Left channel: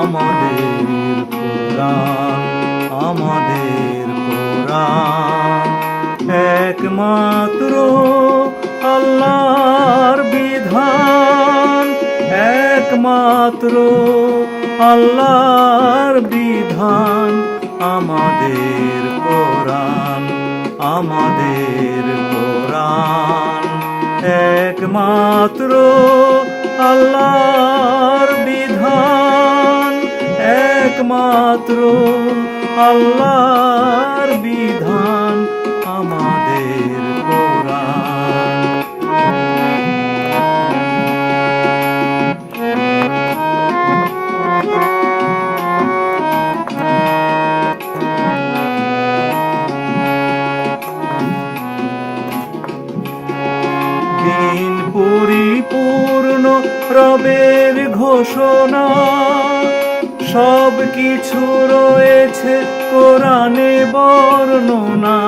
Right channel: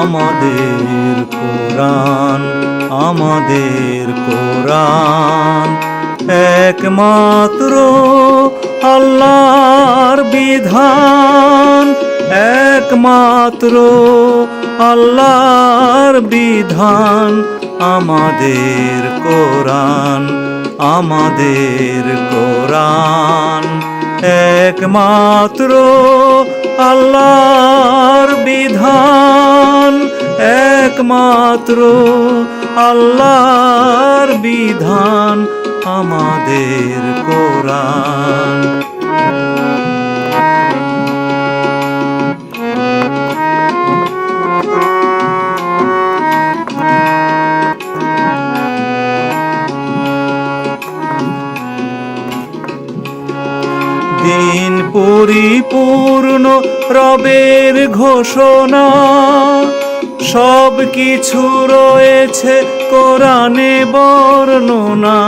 আমাদের কোরআন, আমাদের কোরআন একমাত্র আল্লাহর বিধান, একমাত্র আল্লাহর বিধান। আমাদের কোরআন, আমাদের কোরআন একমাত্র আল্লাহর বিধান, একমাত্র আল্লাহর বিধান। আমাদের কোরআন। দিন পরিপূর্ণ রবের ঘোষণা, সব কিছু রয়েছে কোরআনে বর্ণনা।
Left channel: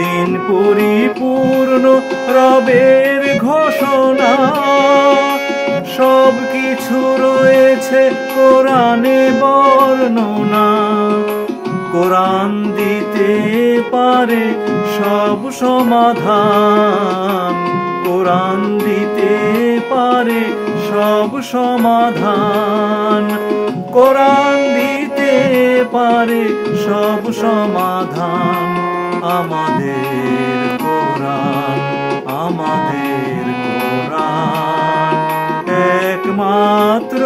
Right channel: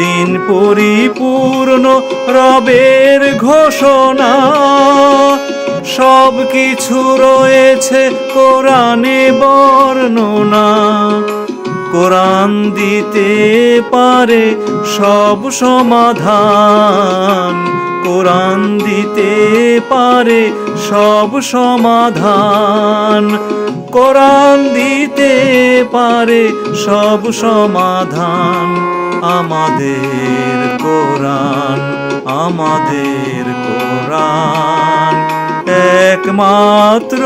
দিন পরিপূর্ণ রবের ঘোষণা, সব কিছু রয়েছে কোরআনে বর্ণনা। কোরআন দিতে পারে সব সমাধান, কোরআন দিতে পারে সব সমাধান, কোরআন দিতে পারে সব সমাধান। আমাদের কোরআন, আমাদের কোরআন একমাত্র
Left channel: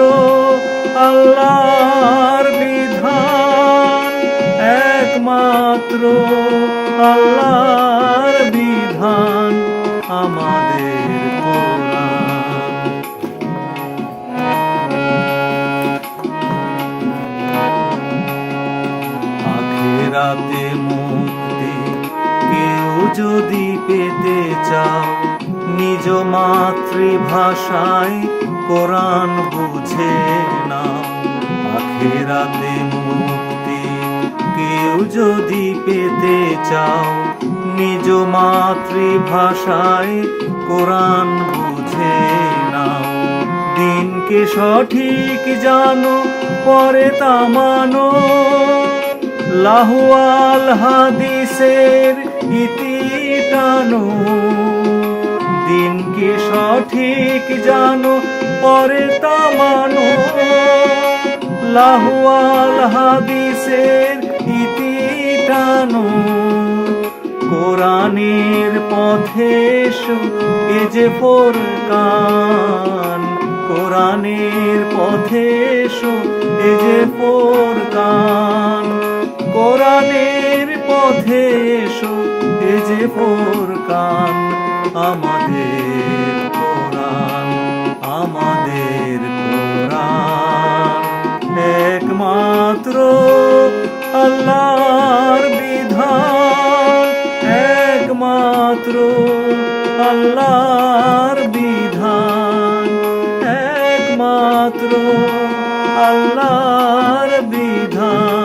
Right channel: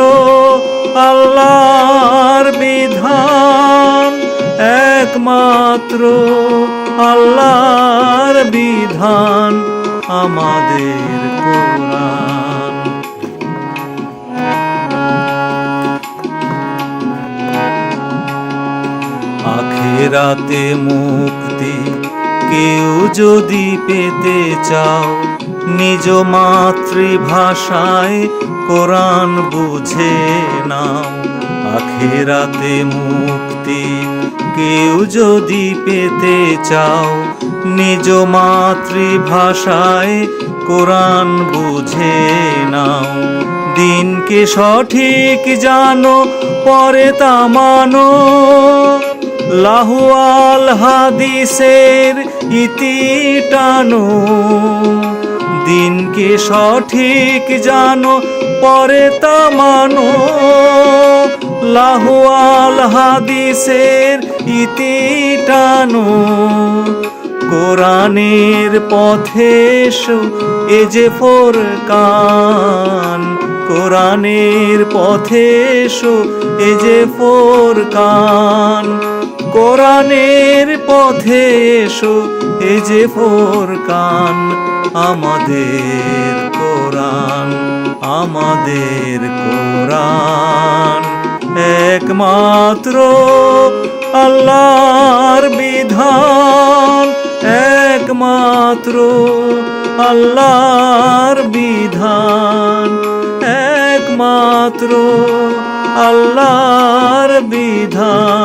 আল্লাহর বিধান, একমাত্র আল্লাহর বিধান। আমাদের কোরআন। আখিরাতে মুক্তি কেউ যদি পেতে চাও, নিজ মাতৃভাষায় কোরআন বুঝে নাও। আখিরাতে মুক্তি কেউ যদি পেতে চাও, নিজ মাতৃভাষায় কোরআন বুঝে নাও। দিনকে সঠিক জানো, পরে তা মানো, লাহুয়াল হাদিসের ইতি টানো। দিনকে সঠিক জানো, পরে তা মানো, লাহুয়াল হাদিসের ইতি টানো। কোরআনের পথে এসো, এ যে ফুরকান। কোরআনের পথে এসো, এ যে ফুরকান। কোরআনের পথে এসো, এ যে ফুরকান। আমাদের কোরআন, আমাদের কোরআন একমাত্র আল্লাহর বিধান, একমাত্র আল্লাহর বিধান, একমাত্র আল্লাহর বিধান।